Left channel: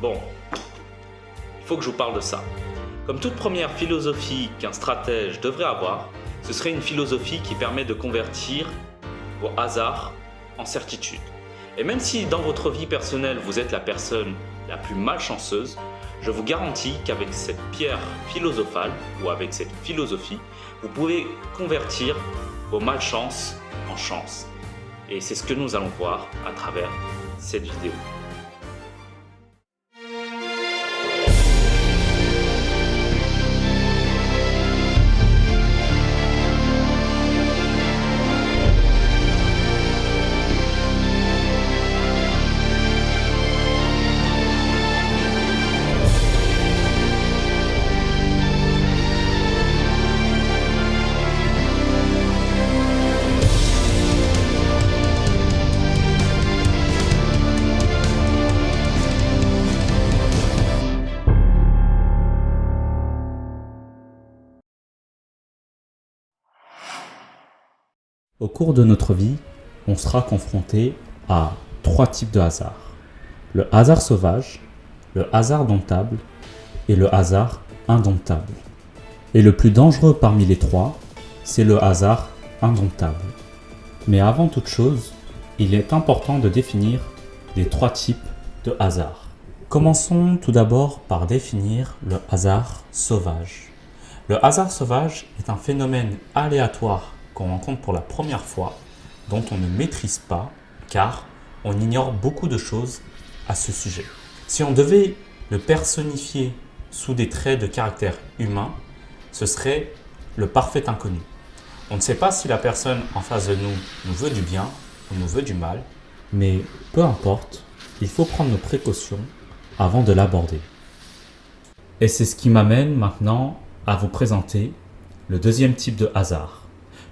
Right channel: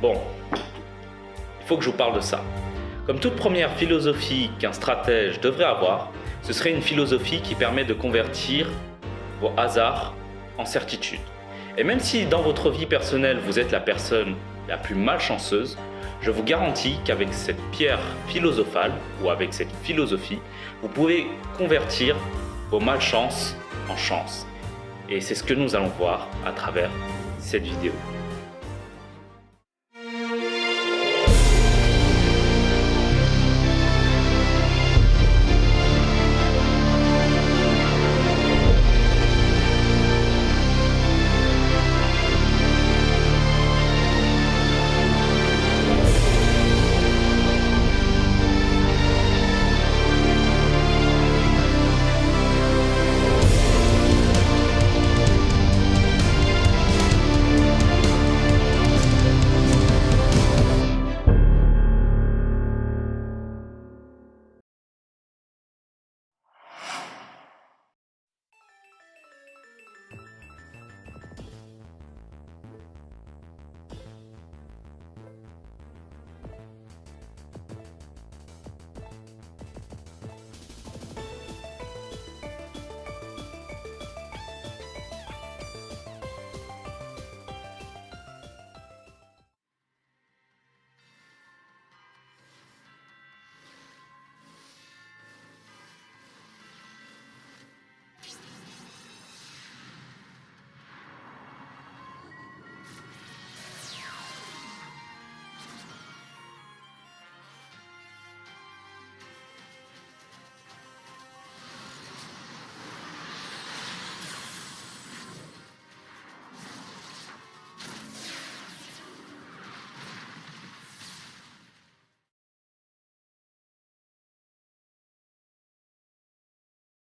Bon, il faut que je vous parle de ça. Comme toute première philosophie qu'un stratège devrait avoir, ce serait une philosophie qui permet de convertir vos hasards en certitudes. Et même si dans votre vie personnelle, vous êtes la personne la plus malchanceuse, je vous garantis qu'avec cette pierre philosophale ou avec cette philosophie, vous pouvez convertir vos malchances en chance. Et c'est ce que nous allons voir à travers cette vidéo. Au cours de notre vie, on sera confronté à 3 types de hasard. Le hasard sauvage, le hasard domptable et le hasard indomptable. Et le plus dangereux parmi les 3, c'est le hasard indomptable. Mais avant toute chose, il est important de définir les 3 types de hasard. Commençons tout d'abord par définir le hasard sauvage. Le hasard sauvage est un phénomène aléatoire qu'on rencontre pour la première fois, dont on ne maîtrise pas, car on ignore beaucoup de choses à ce sujet. Si on devait le personnifier sous des traits de caractère humain, ce serait le parfait inconnu. On ne sait pas si la personne en face de nous veut du bien ou nous veut du mal, mais peu importe, il faut prendre nos précautions avant de l'aborder. Et c'est ce qui m'amène maintenant à vous présenter le deuxième type de hasard.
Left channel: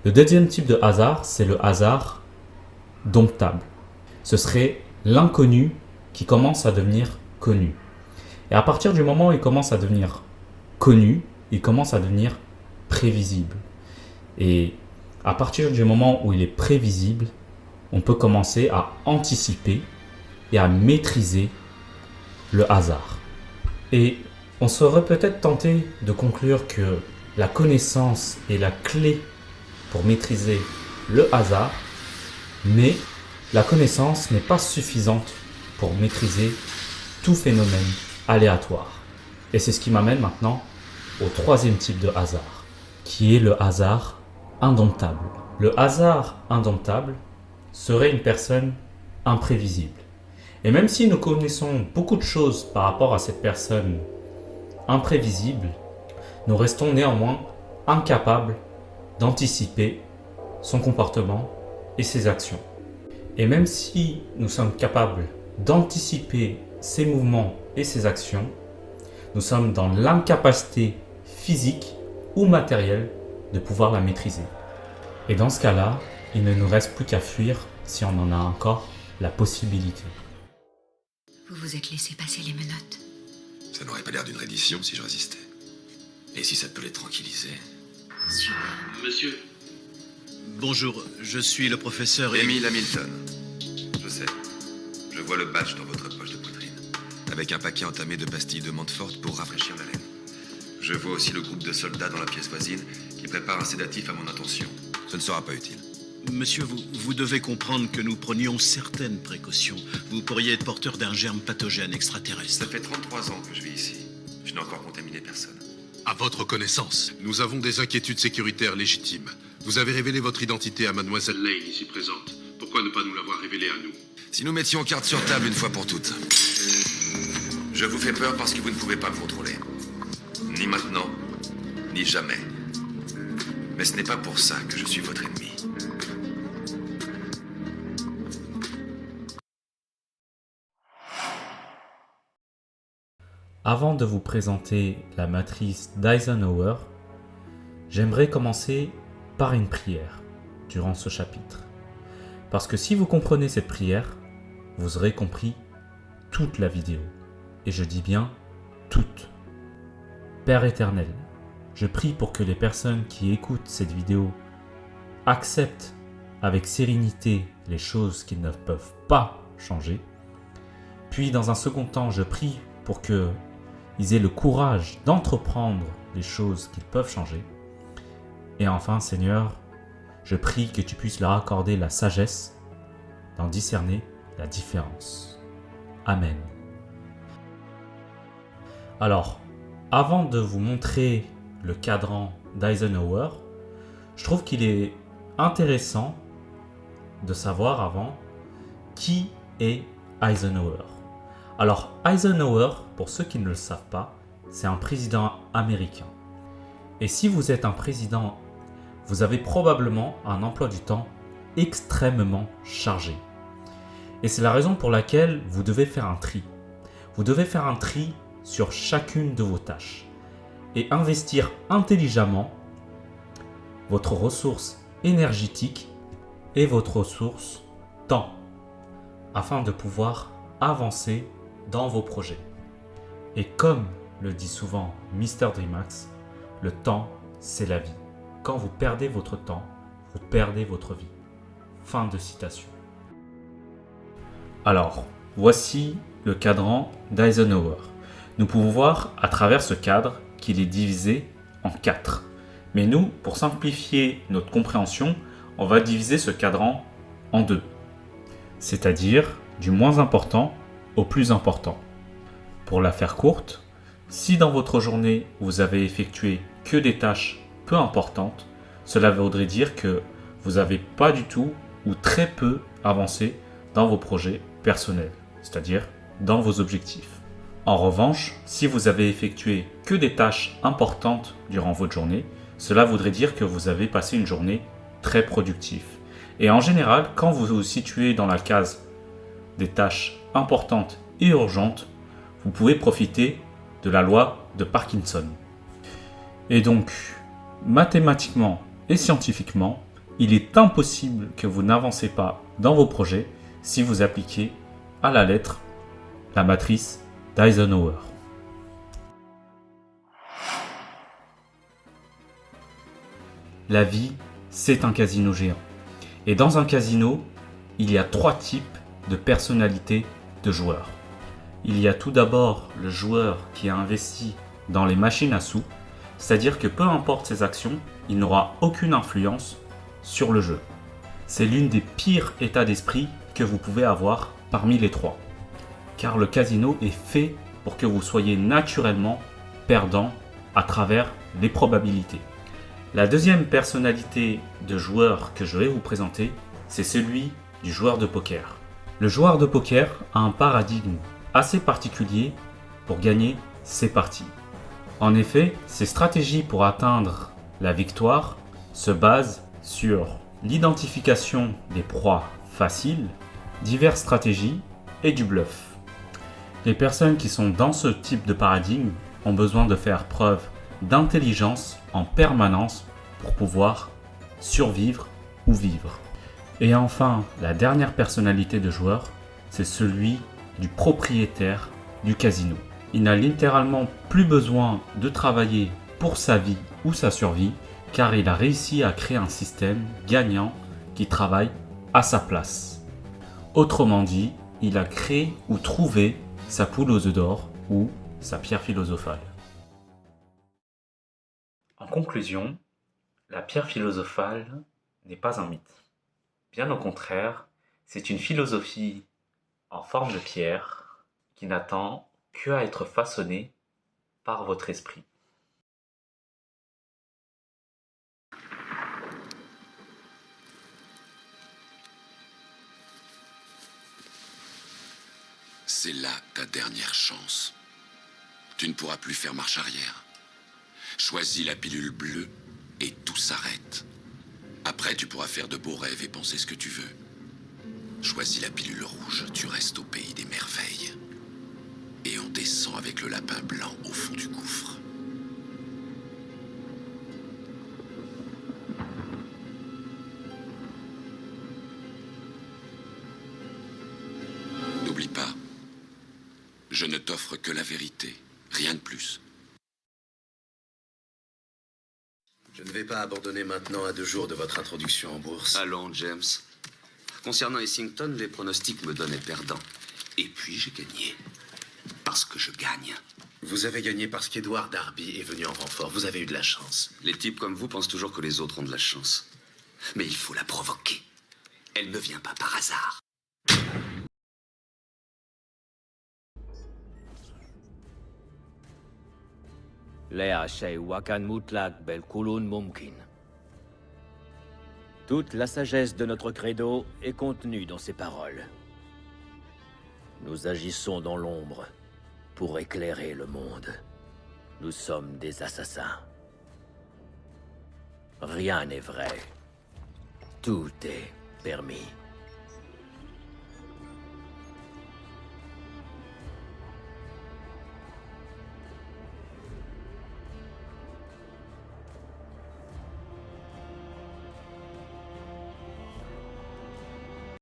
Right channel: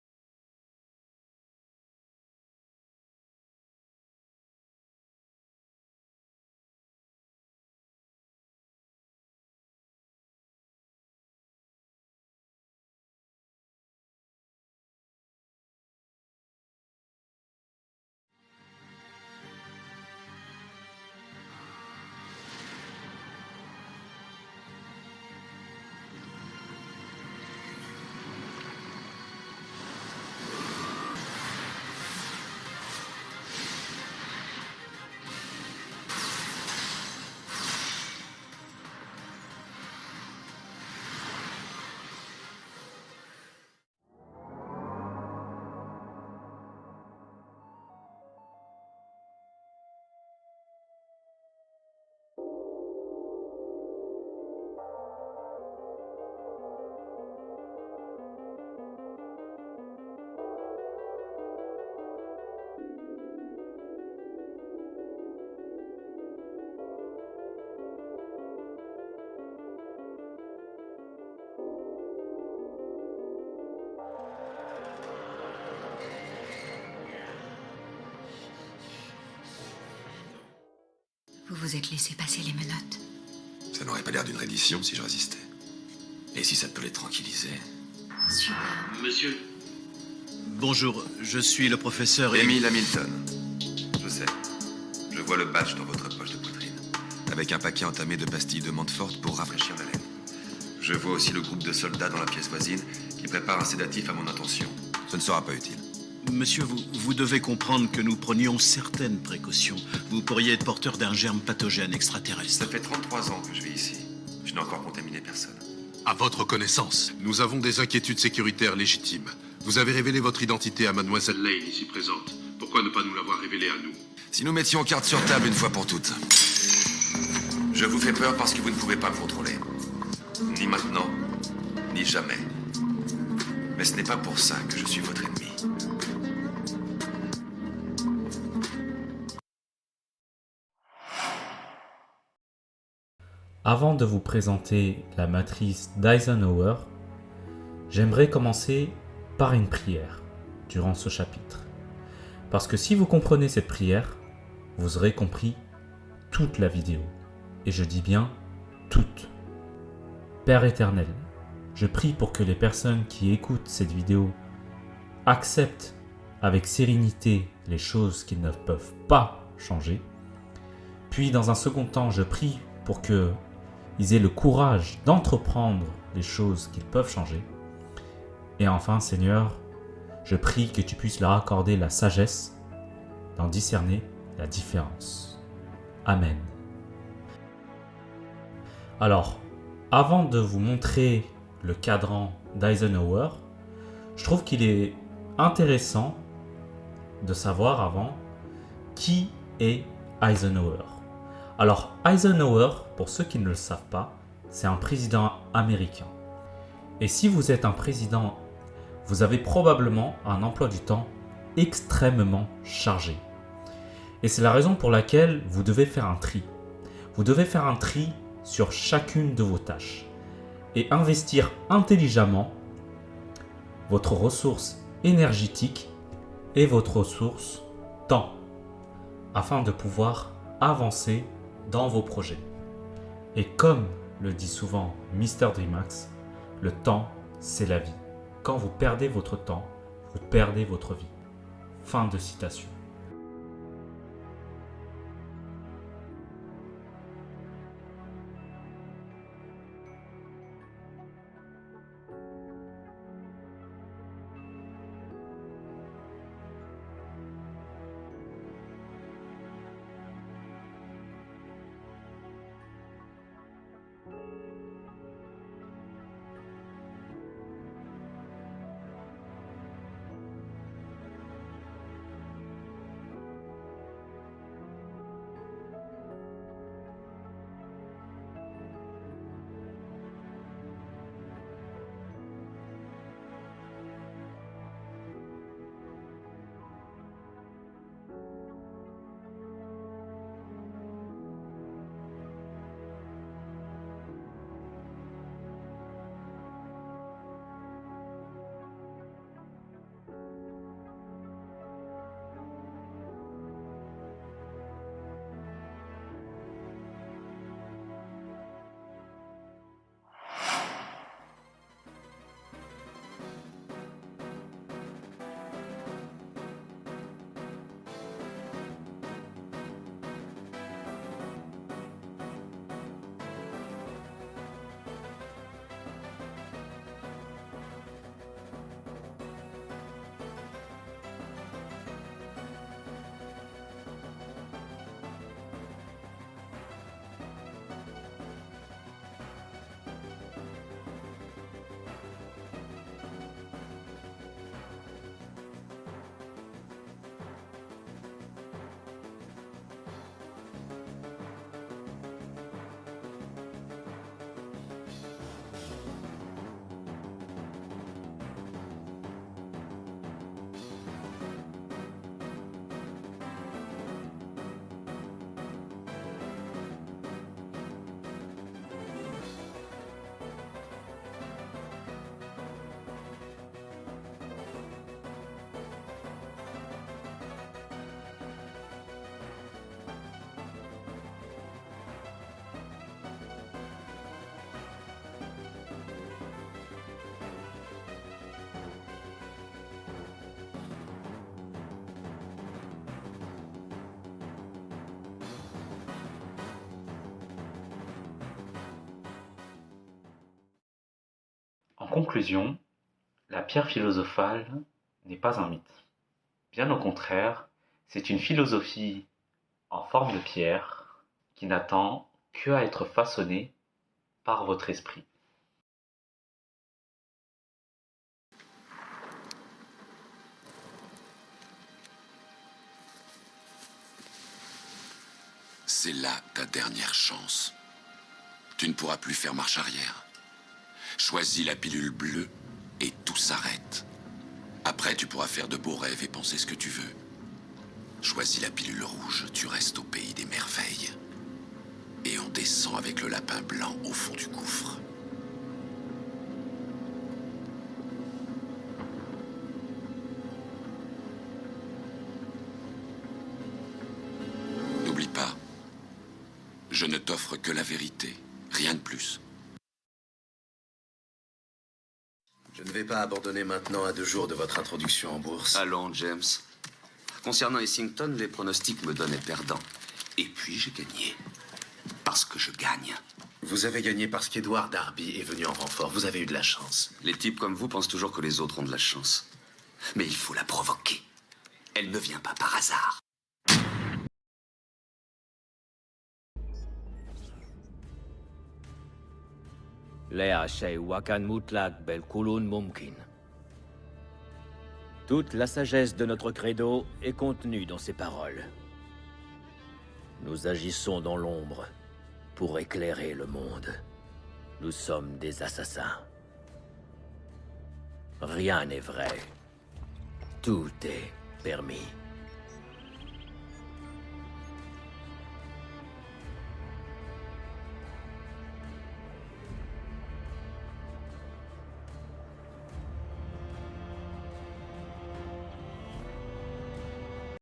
Le deuxième type de hasard, c'est le hasard domptable. Ce serait l'inconnu qui commence à devenir connu. Et à partir du moment où il commence à devenir connu, il commence à devenir prévisible. Et à partir du moment où il est prévisible, on peut commencer à anticiper et à maîtriser le hasard. Et on serait peut-être tenté de conclure que la connaissance est la clé pour maîtriser le hasard, mais la connaissance n'est pas suffisante pour maîtriser tout phénomène aléatoire. Et c'est ce qui m'amène maintenant au troisième type de hasard, qui est le hasard indomptable. Le hasard indomptable serait une personne imprévisible. Et même si nous connaissons beaucoup de choses par rapport à cette personne imprévisible, nous restons néanmoins incapables d'anticiper son comportement et ses actions. Et même si nous sommes capables d'anticiper ses mouvements et ses actions, nous sommes dans l'incapacité physique ou matérielle de pouvoir la maîtriser. Et dans ce cas-là, il ne nous reste plus qu'à fuir si on en a encore la possibilité. Vous vous êtes laissé passer les menottes. Ça n'aurait pas l'air d'une reddition si je résistais. Et si ça peut les tranquilliser? Super. Monsieur, bonjour, je suis le professeur... Emile Hamilton. Je sais. Je vois le badge dans votre poche de poitrine. Avec un paquet entamé de pastilles de Montfort pour rafraîchir la laine. Je vois aussi le groupe de soldats dans la pièce voisine qui prépare un sédatif à mon intention. Ce ne sera pas utile. Monsieur, vous devez comprendre que nous prenions certaines précautions. Vous pourriez être porteur d'un germe pathogène extraterrestre. Ça fait 33 ans que je vis ici. Je n'ai encore contaminé personne. À votre connaissance, nous avons des inquiétudes sécuritaires légitimes. Vous avez révélé votre identité à Mademoiselle Lane, ici présente. Pourquoi ne pas nous l'avoir révélée à nous? Si nous mettions carte sur table une fois pour toutes. Je vous fais peur parce que vous ne pouvez pas me contrôler. Ni maintenant, ni jamais. Mais ce n'est pas pour ça que je suis votre ennemi. Avant de vous présenter la matrice d'Eisenhower, j'aimerais commencer par une prière durant ce chapitre. Parce que si vous comprenez cette prière, vous aurez compris toute la vidéo. Et je dis bien toute. Père éternel, je prie pour que les personnes qui écoutent cette vidéo acceptent avec sérénité les choses qu'ils ne peuvent pas changer. Puis dans un second temps, je prie pour qu'ils aient le courage d'entreprendre les choses qu'ils peuvent changer. Et enfin, Seigneur, je prie que tu puisses leur accorder la sagesse d'en discerner la différence. Amen. Alors, avant de vous montrer le cadran d'Eisenhower, je trouve qu'il est intéressant de savoir avant qui est Eisenhower. Alors, Eisenhower, pour ceux qui ne le savent pas, c'est un président américain. Et si vous êtes un président, vous avez probablement un emploi du temps extrêmement chargé. Et c'est la raison pour laquelle vous devez faire un tri. Vous devez faire un tri sur chacune de vos tâches et investir intelligemment votre ressource énergétique et votre ressource temps afin de pouvoir avancer dans vos projets. Et comme le dit souvent Mr. Dreamax, le temps, c'est la vie. Quand vous perdez votre temps, vous perdez votre vie. Fin de citation. Alors, voici le cadran d'Eisenhower. Nous pouvons voir à travers ce cadre qu'il est divisé en 4. Mais nous, pour simplifier notre compréhension, on va diviser ce cadran en 2. C'est-à-dire du moins important au plus important. Pour la faire courte, si dans votre journée vous avez effectué que des tâches peu importantes, cela voudrait dire que vous n'avez pas du tout ou très peu avancé dans vos projets personnels, c'est-à-dire dans vos objectifs. En revanche, si vous avez effectué que des tâches importantes durant votre journée, cela voudrait dire que vous avez passé une journée très productive. Et en général, quand vous vous situez dans la case des tâches importantes et urgentes, vous pouvez profiter de la loi de Parkinson. Et donc, mathématiquement et scientifiquement, il est impossible que vous n'avancez pas dans vos projets si vous appliquez à la lettre la matrice d'Eisenhower. La vie, c'est un casino géant. Et dans un casino, il y a 3 types de personnalités de joueurs. Il y a tout d'abord le joueur qui a investi dans les machines à sous, c'est-à-dire que peu importe ses actions, il n'aura aucune influence sur le jeu. C'est l'une des pires états d'esprit que vous pouvez avoir parmi les 3. Car le casino est fait pour que vous soyez naturellement perdant à travers les probabilités. La deuxième personnalité de joueur que je vais vous présenter, c'est celui du joueur de poker. Le joueur de poker a un paradigme assez particulier pour gagner ses parties. En effet, ses stratégies pour atteindre la victoire se basent sur l'identification des proies faciles, diverses stratégies et du bluff. Les personnes qui sont dans ce type de paradigme ont besoin de faire preuve d'intelligence en permanence pour pouvoir survivre ou vivre. Et enfin, la dernière personnalité de joueur, c'est celui du propriétaire du casino. Il n'a littéralement plus besoin de travailler pour sa vie ou sa survie, car il a réussi à créer un système gagnant qui travaille à sa place. Autrement dit, il a créé ou trouvé sa poule aux œufs d'or ou sa pierre philosophale. En conclusion, la pierre philosophale n'est pas un mythe. Bien au contraire, c'est une philosophie en forme de pierre qui n'attend qu'à être façonnée par votre esprit. C'est là ta dernière chance. Tu ne pourras plus faire marche arrière. Choisis la pilule bleue et tout s'arrête. Après, tu pourras faire de beaux rêves et penser ce que tu veux. Choisis la pilule rouge, tu restes au pays des merveilles. Et on descend avec le lapin blanc au fond du gouffre. N'oublie pas, je ne t'offre que la vérité, rien de plus. Je ne vais pas abandonner maintenant à 2 jours de votre introduction en bourse. Allons, James. Concernant Essington, les pronostics me donnaient perdant. Et puis j'ai gagné. Parce que je gagne. Vous avez gagné parce qu'Edward Darby est venu en renfort. Vous avez eu de la chance. Les types comme vous pensent toujours que les autres ont de la chance. Mais il faut la provoquer. Elle ne vient pas par hasard. Toute la sagesse de notre credo est contenue dans ces paroles. Nous agissons dans l'ombre pour éclairer le monde. Nous sommes des assassins. Rien n'est vrai. Tout est permis.